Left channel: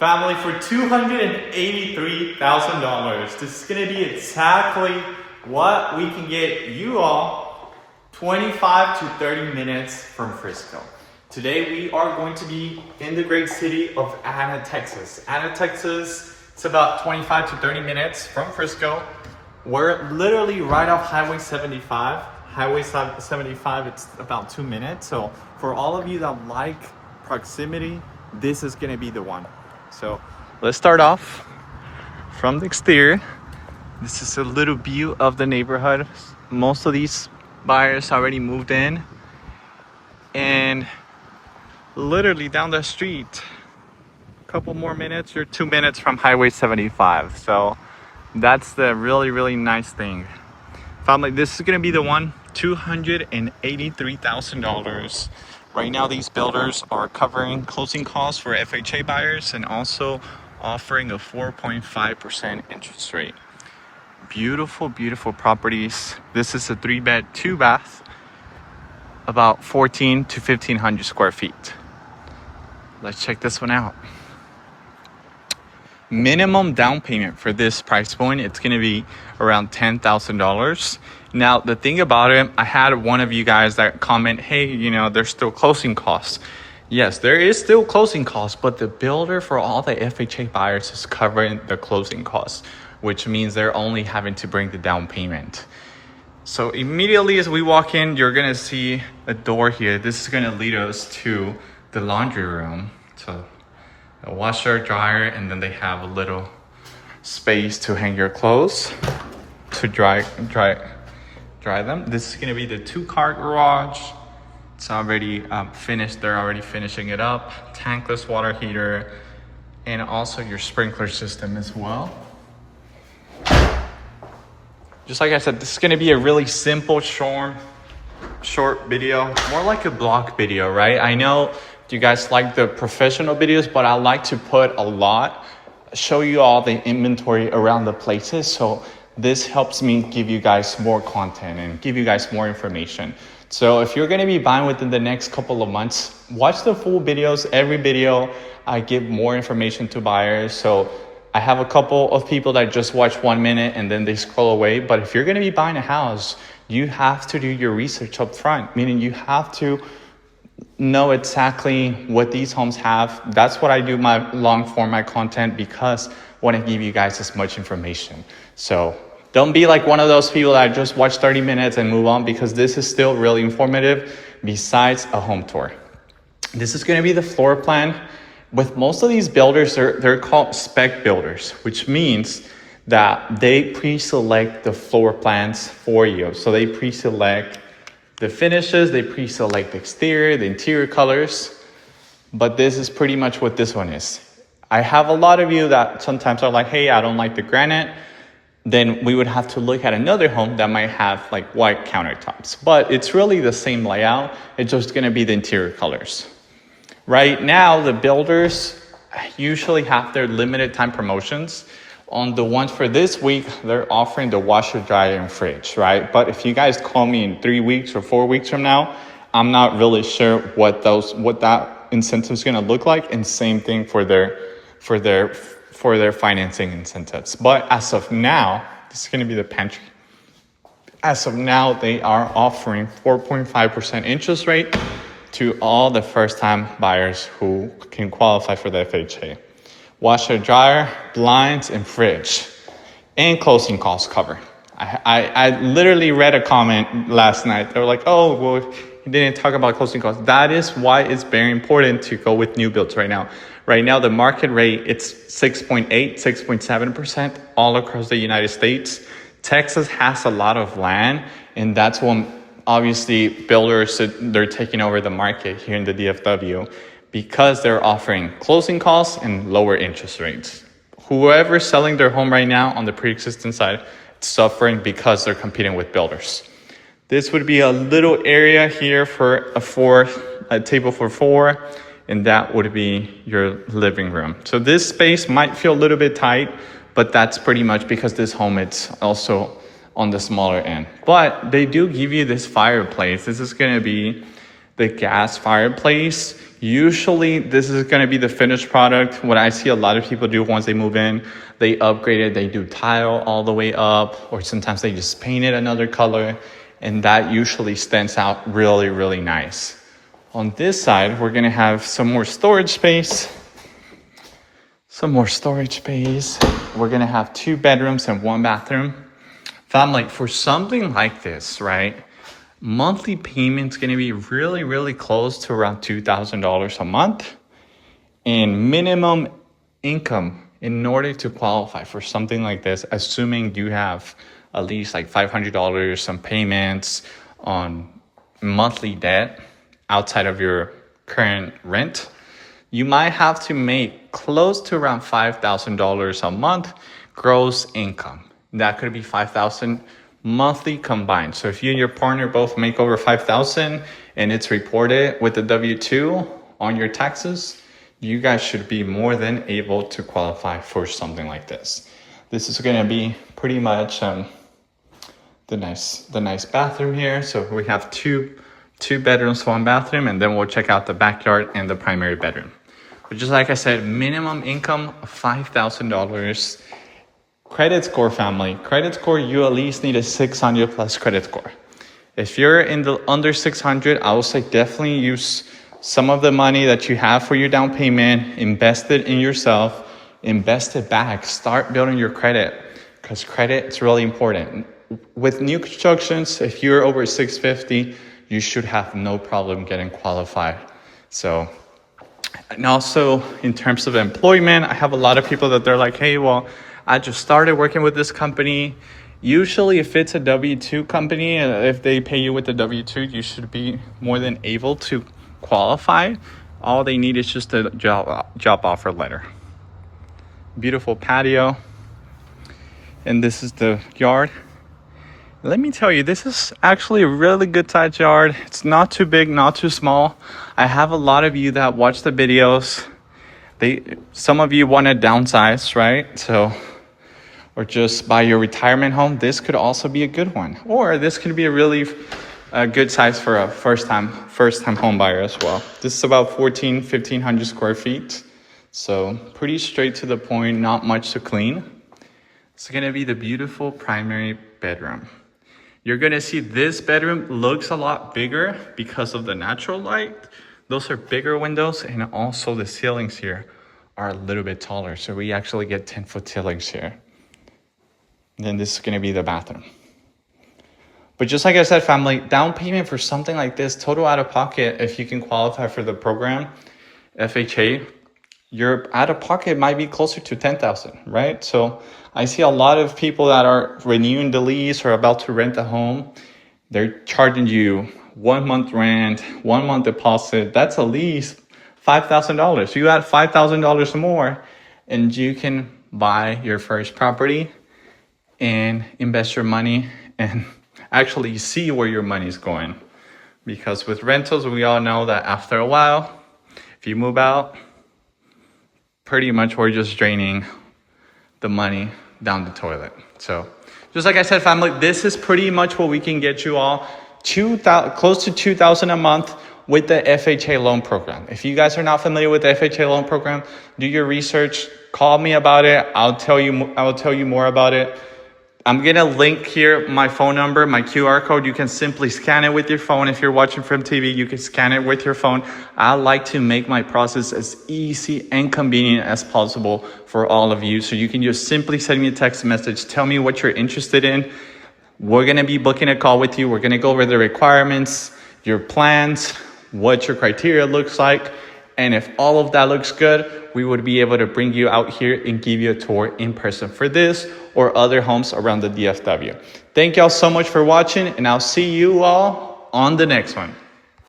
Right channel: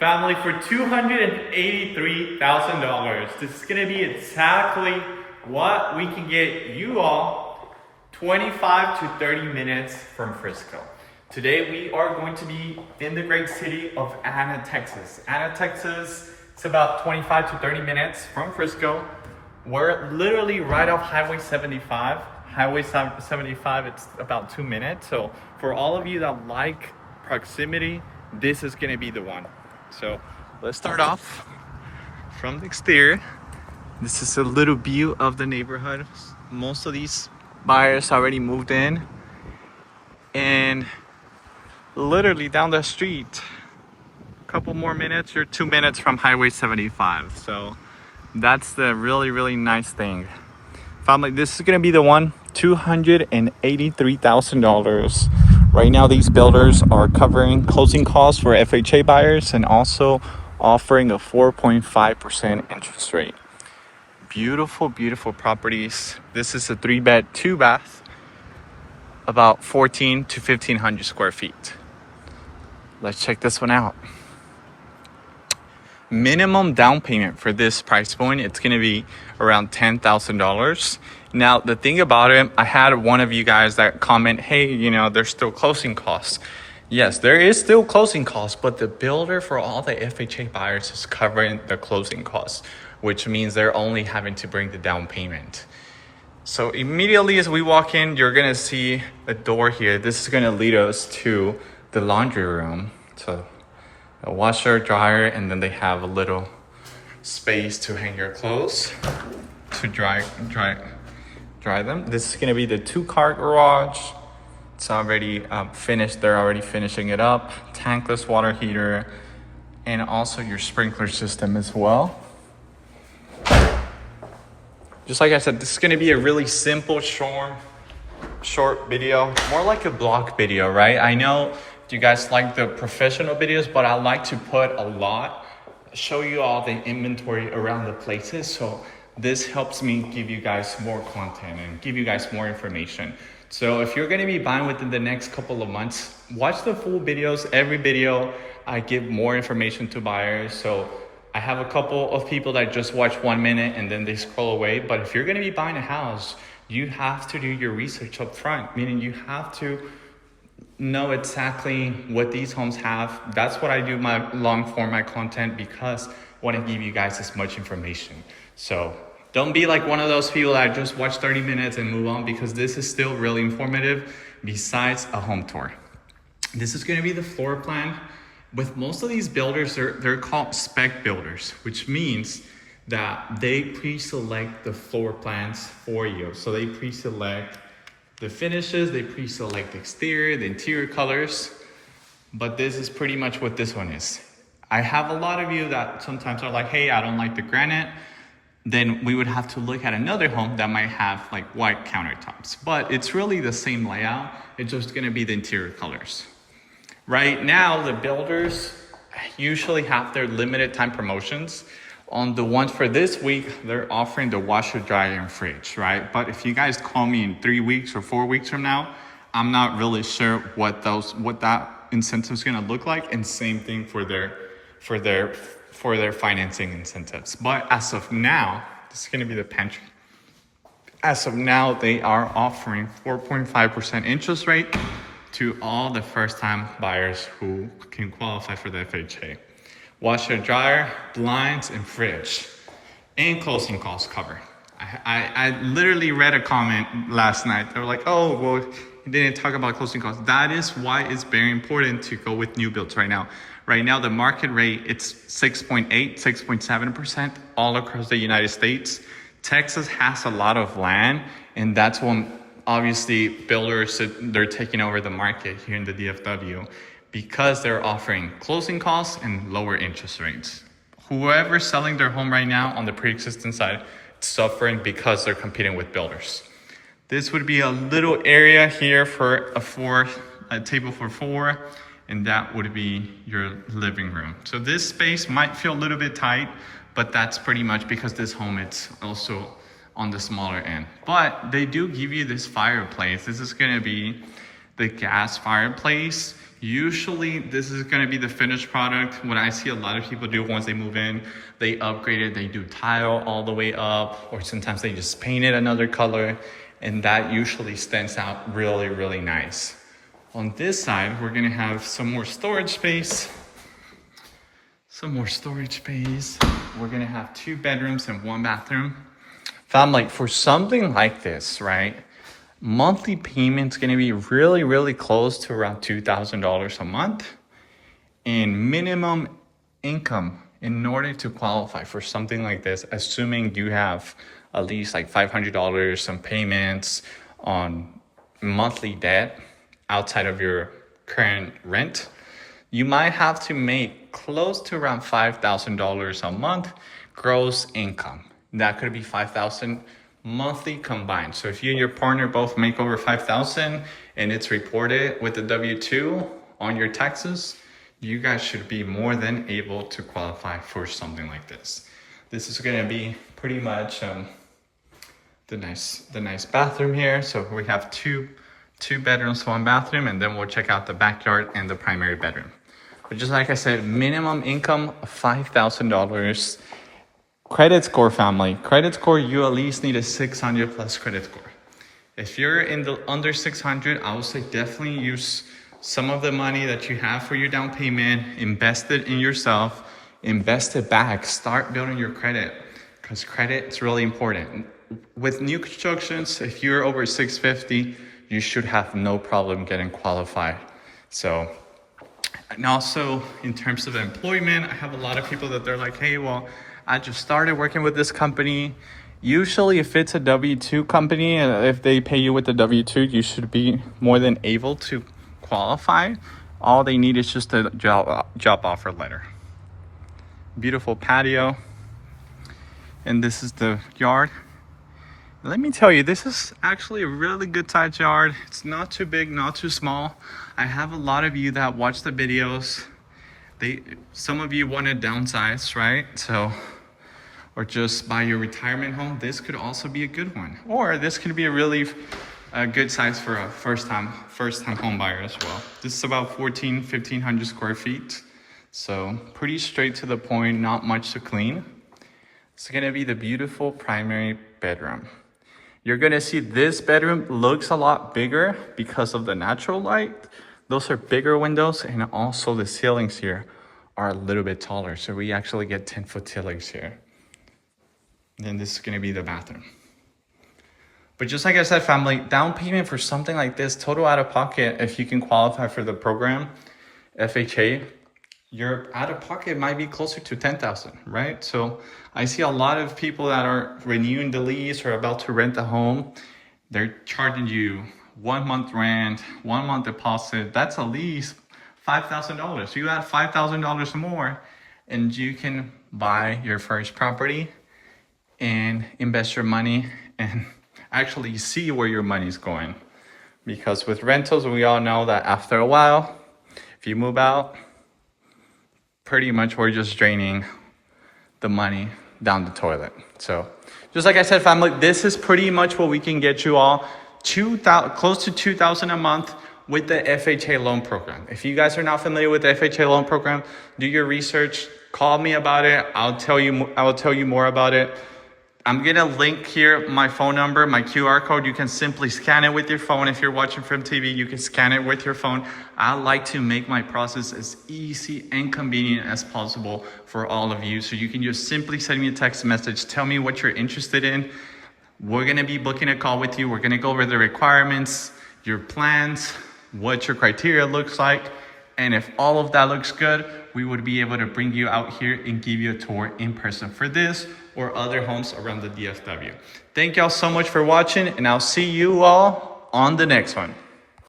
Family, for $283,000, this is gonna be exactly what we can get you all 25 to 30 minutes from Frisco. Today we are going to be in the great city of Anna, Texas. Anna, Texas, it's about 25 to 30 minutes from Frisco. We're literally right off Highway 75. Highway 75, it's about 2 minutes. So for all of you that like proximity, this is gonna be the one. So let's start off from the exterior. This is a little view of the neighborhood. Most of these buyers already moved in, and literally down the street, a couple more minutes, you're 2 minutes from Highway 75. So that's the really nice thing. Family, this is gonna be the one, $283,000. Right now, these builders are covering closing costs for FHA buyers and also offering a 4.5% interest rate. Beautiful properties. This is a 3-bed, 2-bath, about 14 to 1,500 square feet. Let's check this one out. Minimum down payment for this price point, it's gonna be around $10,000. Now, the thing about it, I had one of you guys that comment, hey, there's still closing costs. Yes, there is still closing costs, but the builder for all the FHA buyers is covering the closing costs, which means they're only having to bring the down payment. So immediately as we walk in, you're gonna see a door here. This is gonna lead us to the laundry room. So a washer, dryer, and then they have a little space to hang your clothes to dry them. This is gonna be the 2-car garage. It's already finished. They're already finishing it up. Tankless water heater, and also your sprinkler system as well. Just like I said, this is gonna be a really simple, short video, more like a blog video, right? I know you guys like the professional videos, but I like to put a lot, show you all the inventory around the places. So this helps me give you guys more content and give you guys more information. So if you're gonna be buying within the next couple of months, watch the full videos. Every video, I give more information to buyers. So I have a couple of people that just watch 1 minute and then they scroll away. But if you're gonna be buying a house, you have to do your research up front, meaning you have to know exactly what these homes have. That's what I do my long format content, because I want to give you guys as much information. So don't be like one of those people that just watch 30 minutes and move on, because this is still really informative besides a home tour. This is going to be the floor plan. With most of these builders, they're called spec builders, which means that they pre-select the floor plans for you. So they pre-select the finishes, they pre-select the exterior, the interior colors, but this is pretty much what this one is. I have a lot of you that sometimes are like, hey, I don't like the granite. Then we would have to look at another home that might have like white countertops, but it's really the same layout. It's just gonna be the interior colors. Right now, the builders usually have their limited time promotions. On the ones for this week, they're offering the washer, dryer, and fridge, right? But if you guys call me in 3 weeks or 4 weeks from now, I'm not really sure what that incentive is gonna look like. And same thing for their financing incentives. But as of now, this is gonna be the pantry. As of now, they are offering 4.5% interest rate to all the first-time buyers who can qualify for the FHA. Washer, dryer, blinds, and fridge, and closing costs cover. I literally read a comment last night. They were like, oh, well, you didn't talk about closing costs. That is why it's very important to go with new builds right now. Right now, the market rate, it's 6.8, 6.7% all across the United States. Texas has a lot of land, and that's when obviously builders, they're taking over the market here in the DFW, because they're offering closing costs and lower interest rates. Whoever's selling their home right now on the pre-existing side, it's suffering because they're competing with builders. This would be a little area here for a table for 4, and that would be your living room. So this space might feel a little bit tight, but that's pretty much because this home, it's also on the smaller end. But they do give you this fireplace. This is gonna be the gas fireplace. Usually this is going to be the finished product. What I see a lot of people do once they move in, they upgrade it, they do tile all the way up, or sometimes they just paint it another color, and that usually stands out really, really nice. On this side, we're going to have some more storage space. We're going to have 2 bedrooms and 1 bathroom. Family, for something like this, right? Monthly payment's going to be really, really close to around $2,000 a month. And minimum income in order to qualify for something like this, assuming you have at least like $500, some payments on monthly debt outside of your current rent, you might have to make close to around $5,000 a month gross income. That could be $5,000 monthly combined. So if you and your partner both make over $5,000 and it's reported with the W-2 on your taxes, you guys should be more than able to qualify for something like this. This is going to be pretty much the nice bathroom here. So we have two bedrooms, 1 bathroom, and then we'll check out the backyard and the primary bedroom. But just like I said, minimum income of $5,000. Credit score, family. Credit score, you at least need a 600 plus credit score. If you're in the under 600, I would say definitely use some of the money that you have for your down payment, invest it in yourself, invest it back, start building your credit, because credit is really important. With new constructions, if you're over 650, you should have no problem getting qualified. So, and also in terms of employment, I have a lot of people that they're like, hey, well, I just started working with this company. Usually if it's a W-2 company, if they pay you with the W-2, you should be more than able to qualify. All they need is just a job offer letter. Beautiful patio. And this is the yard. Let me tell you, this is actually a really good sized yard. It's not too big, not too small. I have a lot of you that watch the videos. Some of you want to downsize, right? So, or just buy your retirement home. This could also be a good one. Or this could be a really good size for a first time home buyer as well. This is about 1,500 square feet. So pretty straight to the point, not much to clean. It's gonna be the beautiful primary bedroom. You're gonna see this bedroom looks a lot bigger because of the natural light. Those are bigger windows, and also the ceilings here are a little bit taller. So we actually get 10-foot ceilings here. Then this is gonna be the bathroom. But just like I said, family, down payment for something like this, total out of pocket, if you can qualify for the program, FHA, your out of pocket might be closer to $10,000, right? So I see a lot of people that are renewing the lease or about to rent a home. They're charging you 1 month rent, 1 month deposit. That's at least $5,000. You add $5,000 more and you can buy your first property and invest your money and actually see where your money is going. Because with rentals, we all know that after a while, if you move out, pretty much we're just draining the money down the toilet. So just like I said, family, this is pretty much what we can get you all, close to $2,000 a month with the FHA loan program. If you guys are not familiar with the FHA loan program, do your research, call me about it. I will tell you more about it. I'm gonna link here my phone number, my QR code. You can simply scan it with your phone. If you're watching from TV, you can scan it with your phone. I like to make my process as easy and convenient as possible for all of you. So you can just simply send me a text message, tell me what you're interested in. We're gonna be booking a call with you. We're gonna go over the requirements, your plans, what your criteria looks like. And if all of that looks good, we would be able to bring you out here and give you a tour in person for this or other homes around the DFW. Thank y'all so much for watching, and I'll see you all on the next one.